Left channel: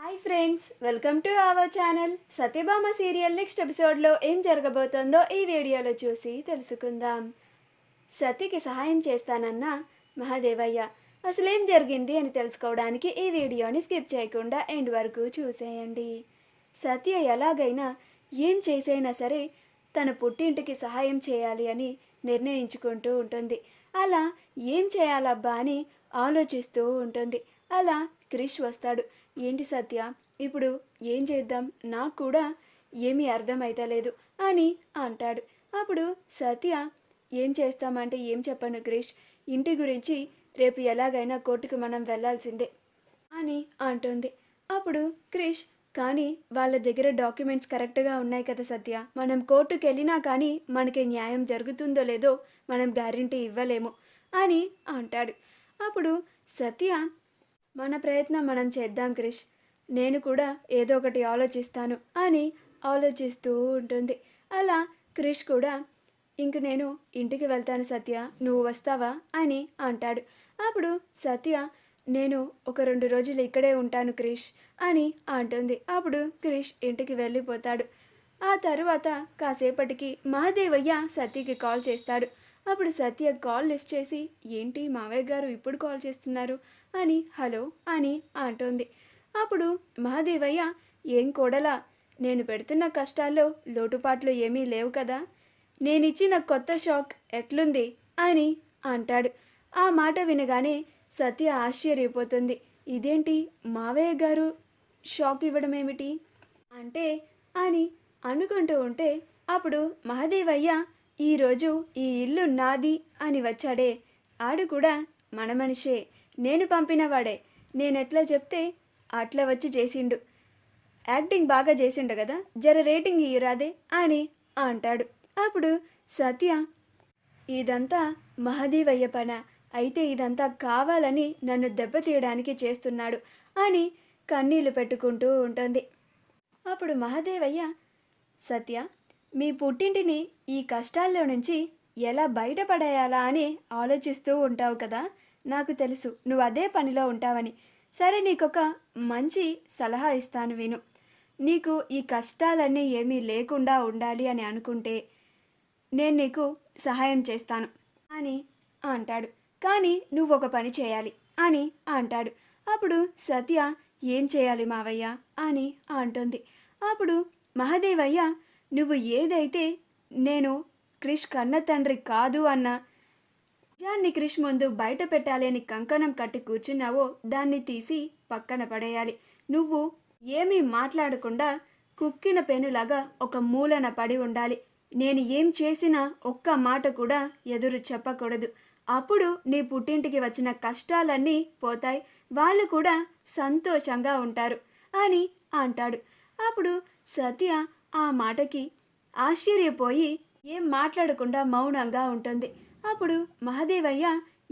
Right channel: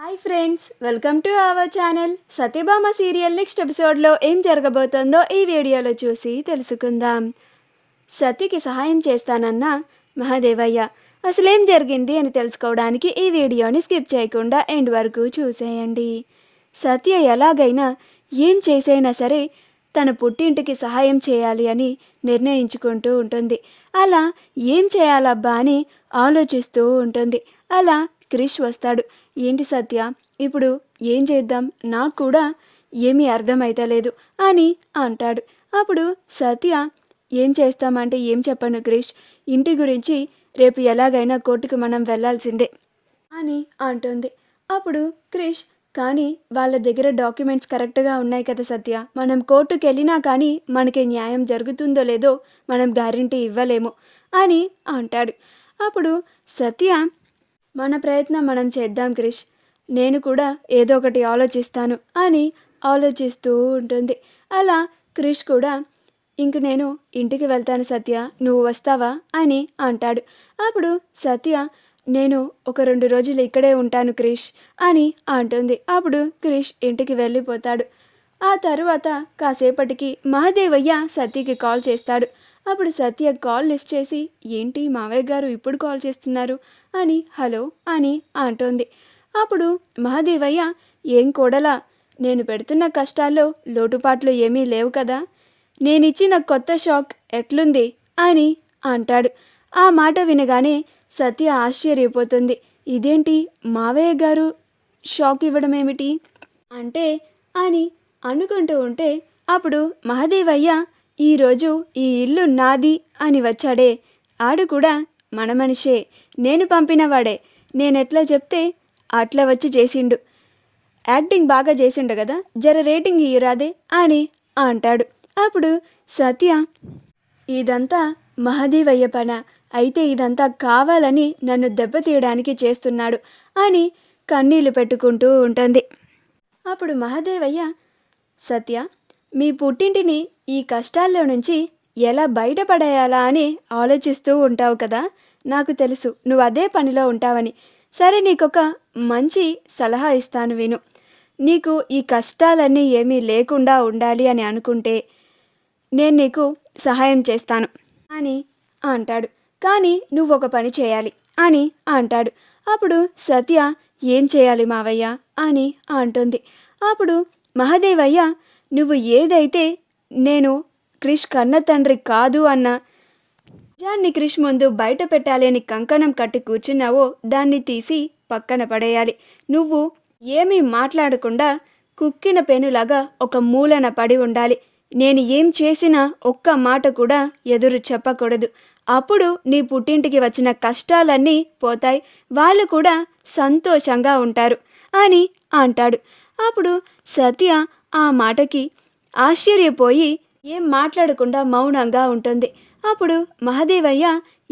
Hi friends, welcome to our channel. Satyabhama serial next ఎపిసోడ్లో ఏం జరగబోతోందో ఈ వీడియోలో చూసి తెలుసుకుందాం. సత్యకి సహాయం చేస్తానన్న మహాదేవయ్య అసలేం జరిగింది అని తెలుసుకోవడానికి ఈ వీడియోని స్కిప్ చేయకుండా ఎండ్ వరకు చూసేయండి. సత్య ఎలాగైనా ఏం చేసైనా సరే తన పుట్టింటికి సహాయం చేయాలి అని నిర్ణయించుకుంటూ ఉంటుంది. అలా ఏం చేయాలబ్బా అని ఆలోచిస్తూ ఉంటుంది. అలా క్రిష్ వస్తాడు. ఏంటి సత్య, ఇప్పుడు ఏం చేద్దాం, నాకు కూడా ఏమీ అర్థమైతలేదు అని అంటాడు. అప్పుడు సత్య ఏం చేస్తామంటే ఏం చెప్పను క్రిష్, ఇంటి గురించి రేపు ఎలాగైనా కోర్టుకు మనం వెళ్ళాల్సిందే అని అంటుంది. అప్పుడు క్రిష్, కానీ వాళ్ళ దగ్గర డాక్యుమెంట్స్ కరెక్ట్గా ఉన్నాయి కదా సత్య, మనం కోర్టుకు వెళ్ళినా కానీ మనకి న్యాయం జరుగుతుందో లేదో మనం గ్యారంటీ ఇవ్వలేము అని అంటాడు. అప్పుడు సత్య, మన ప్రయత్నం మనం చేద్దాం క్రిష్, నేను కూడా ఏదో ఒకటి ఆలోచిస్తాను అని ఆలోచిస్తూ ఉంటుంది. అలా క్రిష్ కూడా ఇంక నేను ఇంటికి వెళ్తాను సత్య, నువ్వు వస్తావా అని అంటాడు. అప్పుడు సత్య, నేను ఒక 2 రోజులు ఇక్కడే ఉంటాను క్రిష్ అని అంటుంది. అప్పుడు క్రిష్ ఇంటికి వెళ్ళిపోతాడు. ఆ తర్వాత కాసేపటికి మహాదేవయ్య సత్యకి కాల్ చేస్తాడు. అప్పుడు సత్య కాల్ లిఫ్ట్ చేసి, ఏంటి మావయ్య గారు ఇప్పుడు కాల్ చేస్తున్నారు అని హలో అని అంటోంది. అప్పుడు మహాదేవయ్య, ఏం కోడలా, నేను పెడుతున్న కష్టాల్లో లోటుపాట్లు ఏమీ లేవు కదా, నేనిచ్చిన కొత్త షాక్ ఎట్లుంది అని అంటాడు. ఆ మాట వినగానే సత్య ఆశ్చర్యపోతుంది. ఇదేంటి మావయ్య గారు షాక్ ఇవ్వడం ఏమిటి అంటే అని అనుకుంటూ ఉంటే అప్పుడు మహాదేవయ్య, ఈరోజు ఈ ఇల్లు నాది అని వచ్చాడే, ఆడు కూడా మన మనిషే, నేను పంపినవాడే, నేనెట్లా చెప్తే అట్లా వచ్చి చేసిండు, యాక్టింగ్ బాగా చేసిండు కదా, జర రేటింగ్ ఇయ్యరాదే అని అంటాడు. అప్పుడు సత్య, ఇదంతా మహాదేవయ్య పన, అయితే ఇదంతా కావాలని నన్ను దెబ్బతీయడానికి చేస్తున్నాడు అని కన్నీళ్లు పెట్టుకుంటూ ఉంటుంది. అప్పుడు మహాదేవయ్య, సత్య, మీ పుట్టింటిని ఈ కష్టాల్లో నుంచి ఎలా బయటపడేయాలా అని ఆలోచిస్తూ ఉంటావు కదా, నాకు తెలుసు నువ్వు అదే పనిలో ఉంటావని. సరే, నీకొక మంచి సలహా ఇస్తాను విను. నీకు ఈ కష్టాలన్నీ ఏమీ లేకుండా ఉండాలి అని అనుకుంటే నేను నీకు సహాయం చేస్తాను అని అంటాడు. కానీ నువ్వు ఒక పని చేయాలి అని అంటాడు. అప్పుడు సత్య, ఏం చేయాలి మావయ్య అని అంటుంది. అప్పుడు మహాదేవయ్య, నువ్వు ఏదైతే నేను క్రిష్ కన్న తండ్రి కాదు అన్న నిజాన్ని క్రిష్ ముందు బయట పెట్టాలి అని కంకణం కట్టి కూర్చున్నావో దాన్ని తీసి పక్కన పడేయాలి. నువ్వు ఏమీ మాట్లాడకుండా కుక్కిన పెనులాగా ఒక మూలన పడి ఉండాలి. నేను ఏం చేసినా ఒక్క మాట కూడా ఎదురు చెప్పకూడదు. అప్పుడు నీ పుట్టింటికి వచ్చిన కష్టాలన్నీ పోతాయి, వాళ్ళు కూడా సంతోషంగా ఉంటారు అని అంటాడు. అప్పుడు సత్య ఆ మాటకి ఆశ్చర్యపోయి ఏం మాట్లాడకుండా మౌనంగా ఉంటుంది. అప్పుడు మహాదేవయ్య,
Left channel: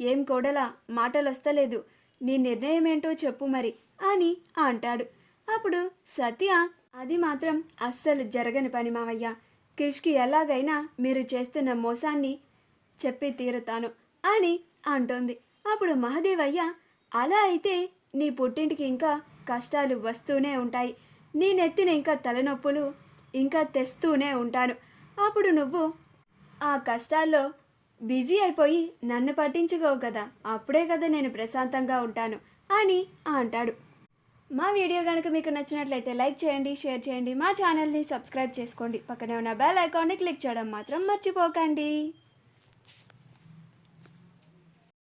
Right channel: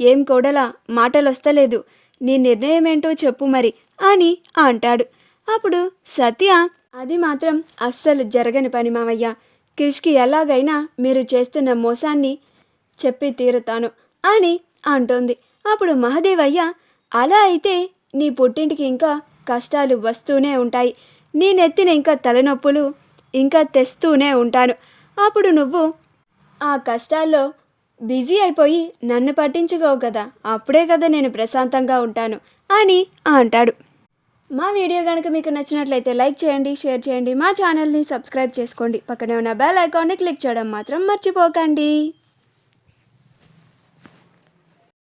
ఏం కోడలా, మాటలొస్తలేదు, నీ నిర్ణయం ఏంటో చెప్పు మరి అని అంటాడు. అప్పుడు సత్య, అది మాత్రం అస్సలు జరగని పని మావయ్య, క్రిష్కి ఎలాగైనా మీరు చేస్తున్న మోసాన్ని చెప్పి తీరుతాను అని అంటోంది. అప్పుడు మహాదేవయ్య, అలా అయితే నీ పుట్టింటికి ఇంకా కష్టాలు వస్తూనే ఉంటాయి, నీ నెత్తిన ఇంకా తలనొప్పులు ఇంకా తెస్తూనే ఉంటాను. అప్పుడు నువ్వు ఆ కష్టాల్లో బిజీ అయిపోయి నన్ను పట్టించుకోవు కదా, అప్పుడే కదా నేను ప్రశాంతంగా ఉంటాను అని అంటాడు. మా వీడియో కనుక మీకు నచ్చినట్లయితే లైక్ చేయండి, షేర్ చేయండి, మా ఛానల్ని సబ్స్క్రైబ్ చేసుకోండి, పక్కనే ఉన్న బెల్ ఐకాన్ని క్లిక్ చేయడం మాత్రం మర్చిపోకండి.